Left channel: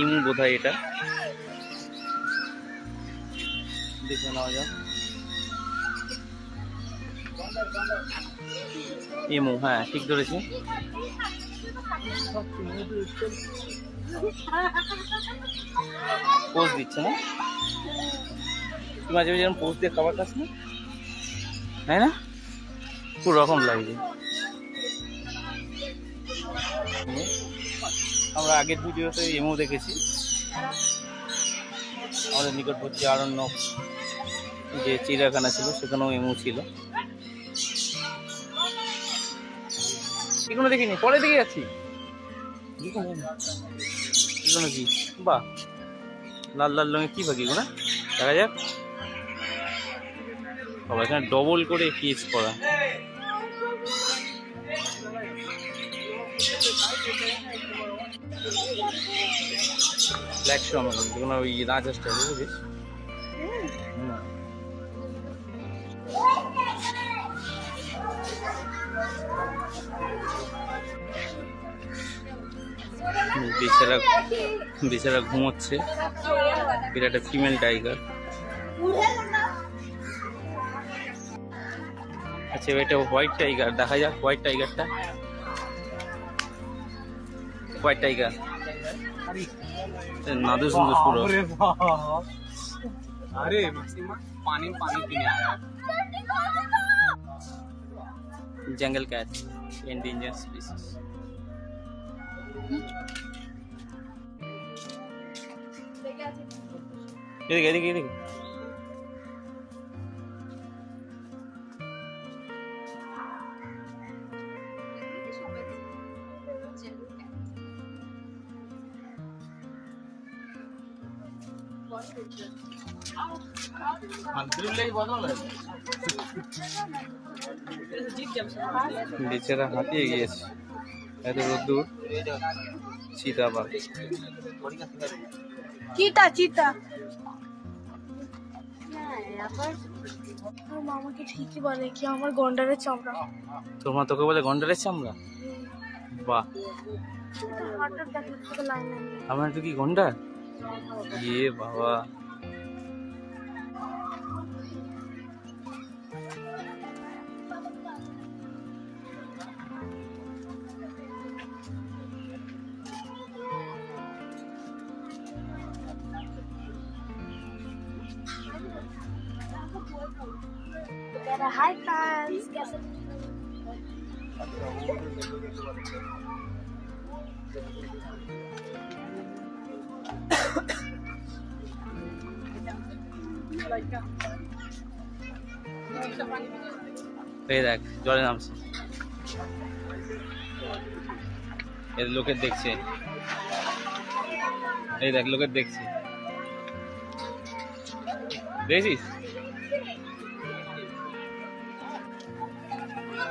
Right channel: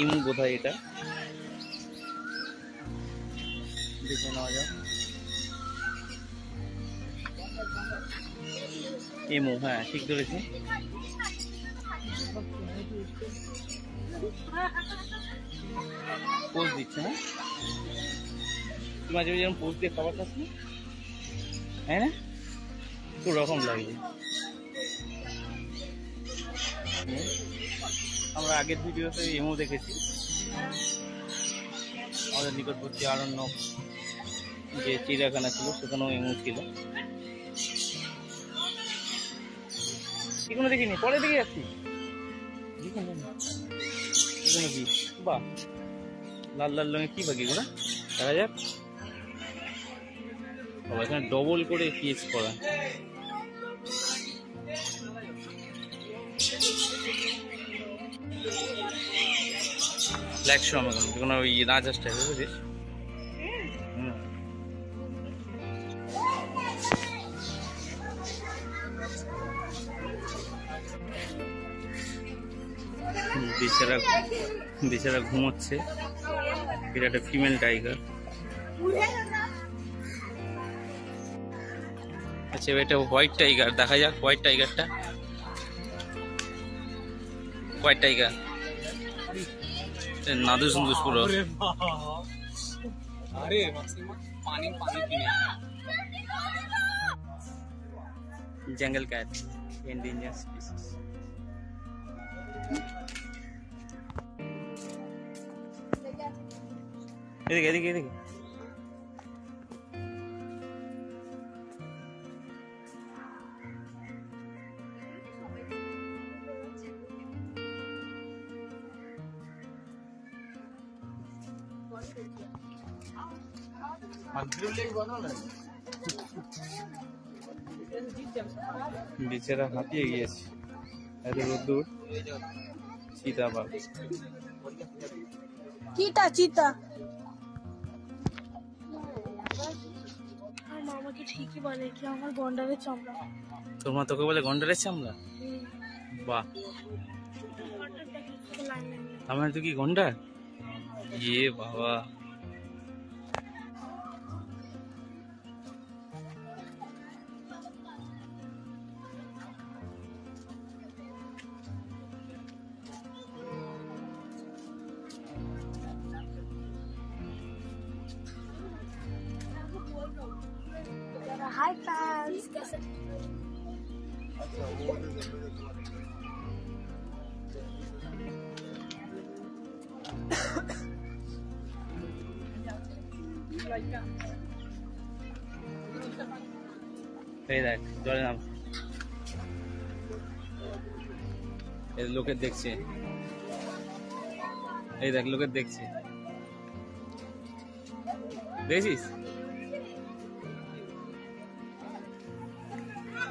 ইমু বোধহয় এটা, দেখে নেওয়া যাক। ইমু, হ্যাঁ ঠিক ধরেছি। পোজ দিচ্ছে না, মাঝে মাঝে যেমন পোজ দিয়ে খাবার খাস না, তাই না? পুরো রকম লাগছে। আমরা আগের ভিডিওতে এমও দেখেছি, আমাদের নিকটবর্তী আরণ্যক যে চিড়িয়াখানা ছিল সেখানেও এমও ছিল। এগুলো দেখিনি, পরে দিকে যাচ্ছি। এগুলো কি, বাহ লাল লাল রঙের কি পাখি এগুলো, দেখা যাক। বাবা এখানে ডবল করে কেস করা। একশো আমাদের যেগুলো ওই রাজহাঁসটা বুঝলিস। বেচারা ঘুমোচ্ছে। এটা একটা ফিমেল টাইগার। আচ্ছা এটা হোয়াইট টাইগার, দেখা যাক হোয়াইট টাইগারটা। হোয়াইট টাইগার नादुस नादुस पूरा। अरे अरे पानी पानी पीने आया। Jungle cat endangered species. ये देखिए বেচারা হাঁপিয়ে গিয়েছে, এত রোদ্দুর। চিতাবাঘ, চিতা চিতা মামাকে ঠিকই বলে কি আমার গন্ডারের চামড়া। তোমার তোকে বলে গন্ডারের চামড়া? বাহ, আমার তো কি গন্ডার? ইয়ে বাবা, हाय फ्रेंड्स, कैसे এই দেখ জলে নামছে, এই লোকের দেখছে, এই দেখ লোকের দেখছে, দেখছিস?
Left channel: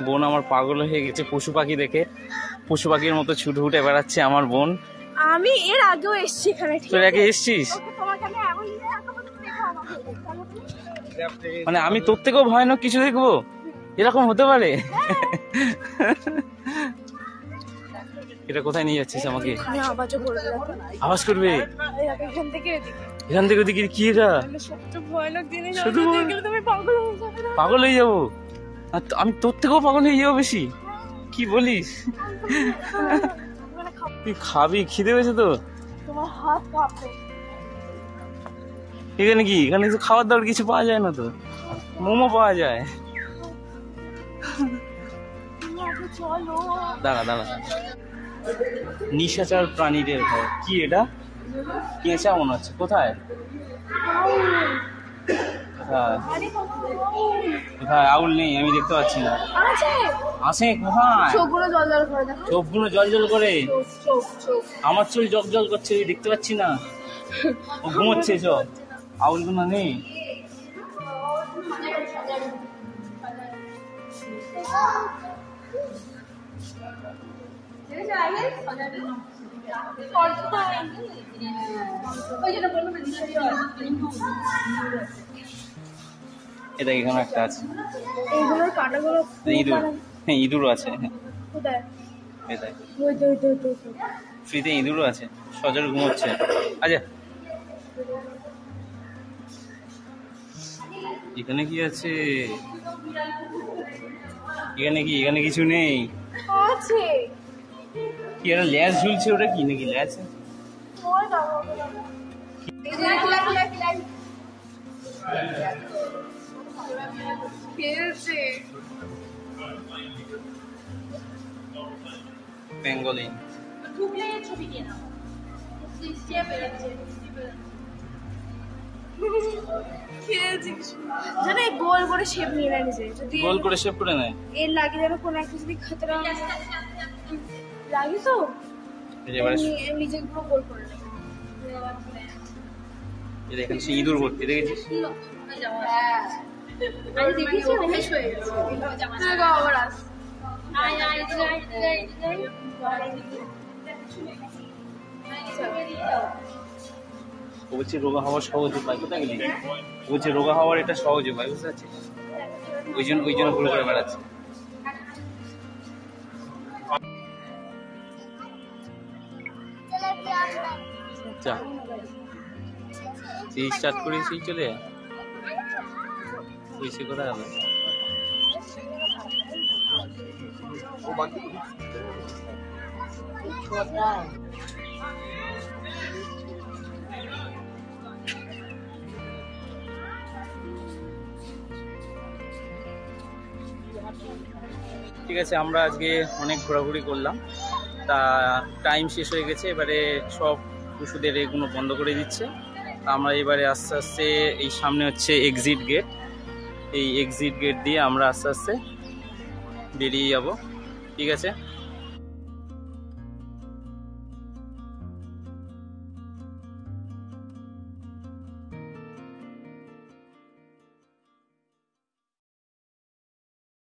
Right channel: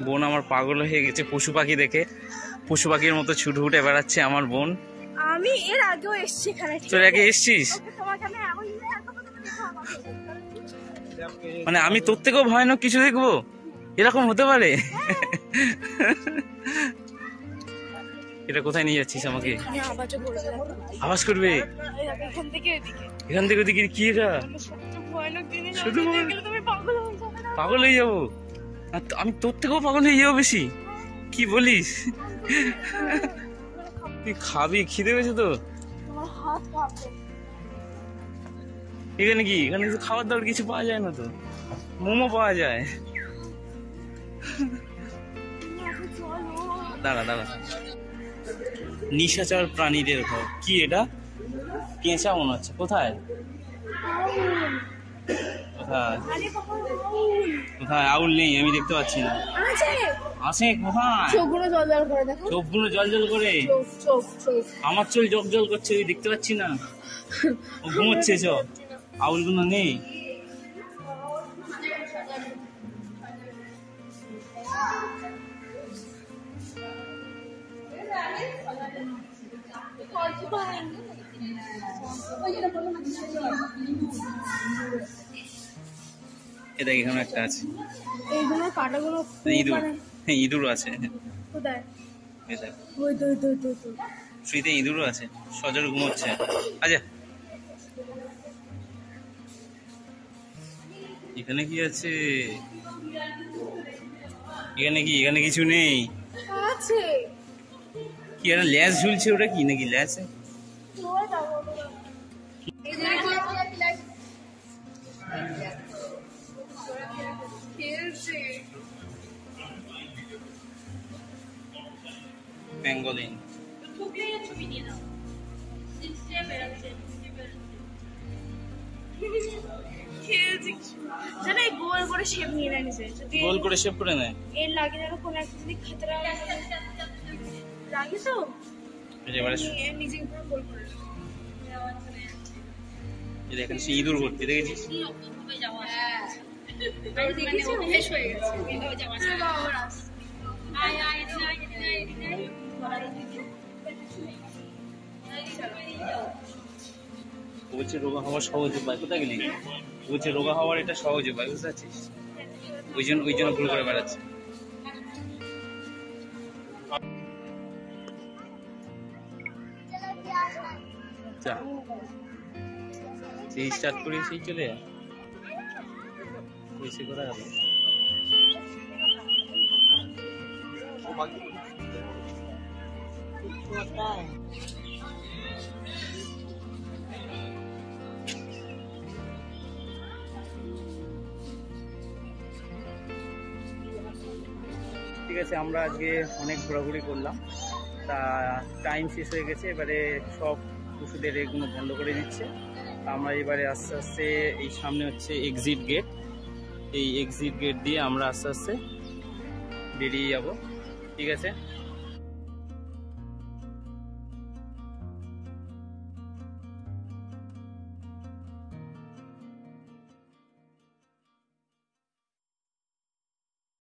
বোন আমার পাগল হয়ে গেছে পশু পাখি দেখে, পশু পাখির মতো ছুটে ছুটে বেড়াচ্ছে আমার বোন। আমি এর আগেও এসেছি এখানে। তোর আগে এসেছিস? মানে আমি তোর থেকেও ভয়ানক কিছু দেখবো, এরকম হতে পারে? এটা কোথায় নিয়ে যাচ্ছিস আমাকে? আওয়াজ করবে এখান থেকে ওদিকে? কি এটা শুধু পাগল হয়ে যাবো? আমি তোর থেকেও পাগল হয়ে যাবো বেশি? কি বলিস? তুই খাবি? খিদে পেয়েছে তো? এখানে কি, এখানে তো খাবার দাবার কিছু পাওয়া যায় না তো? মোমো পাওয়া যায়। দাঁড়া দাঁড়া, নিশাচর প্রাণীদের ঘর। কি এটা? কেঁচা মনে হচ্ছে। কোথায়? হ্যাঁ কোথায়? আউল নেই, আমি দেখতে পাচ্ছি না। আছে কোথায়? চোখগুলো জল জল করে। আমার চোখ জল জল করছে, দেখতে পাচ্ছি না। ও ঘুমোচ্ছে, চোখ আউলগুলো নেই। এটা এখানে একটা আছে, ইঁদুর। হ্যাঁ ইঁদুর আছে। ফ্রিতে ইঁদুরও আছে, সজল ঘুমোচ্ছে। আচ্ছা, এখানে কি আছে? এখানে কিছু নেই। আছে কি একটা ল্যাস ঝুলছে, ওটা কি নাকি ল্যাস? খেলছে পেঙ্গলিন। ছবি নিয়ে নাও। জানে গোল করে শেপ নিয়ে নেয় নিজে, যদি গোল করে শেপ করে নেয়। এর লাগে যেন কোনো একটা যদি খাতরা লাগে তো নিজেকে পুরো গোল করে নেয়। এখানে সে ইঁদুর ভর্তি, দেখেছিস? আমি দেখেছি অভ্যেস হয়ে গেছে। আবার আস বলছে রোগা হওয়ার সহজ উপায়, কোথায় গেলে? বলছে রোগা হওয়ার এটা সহজ উপায়, বুঝতে পারছিস? ওই জন্য ভুল করে বেড়াচ্ছে। স্টার্ট করেছি, চলে বেশি কোথায় হবে? ঠিক আছে, আমরা আজকে অনেক ঘোরাঘুরি করলাম, তা টাইম শেষ হয়ে গেছে। এবারে সব ওষুধের এগুলো বন্ধ করে দিচ্ছে। তা আমরা এবারে আস্তে আস্তে এই সামনে হচ্ছে এক্সিট গেট, এই এক্সিট গেট দিয়ে আমরা আস্তে আস্তে বেরিয়ে যাব। ঠিক আছে।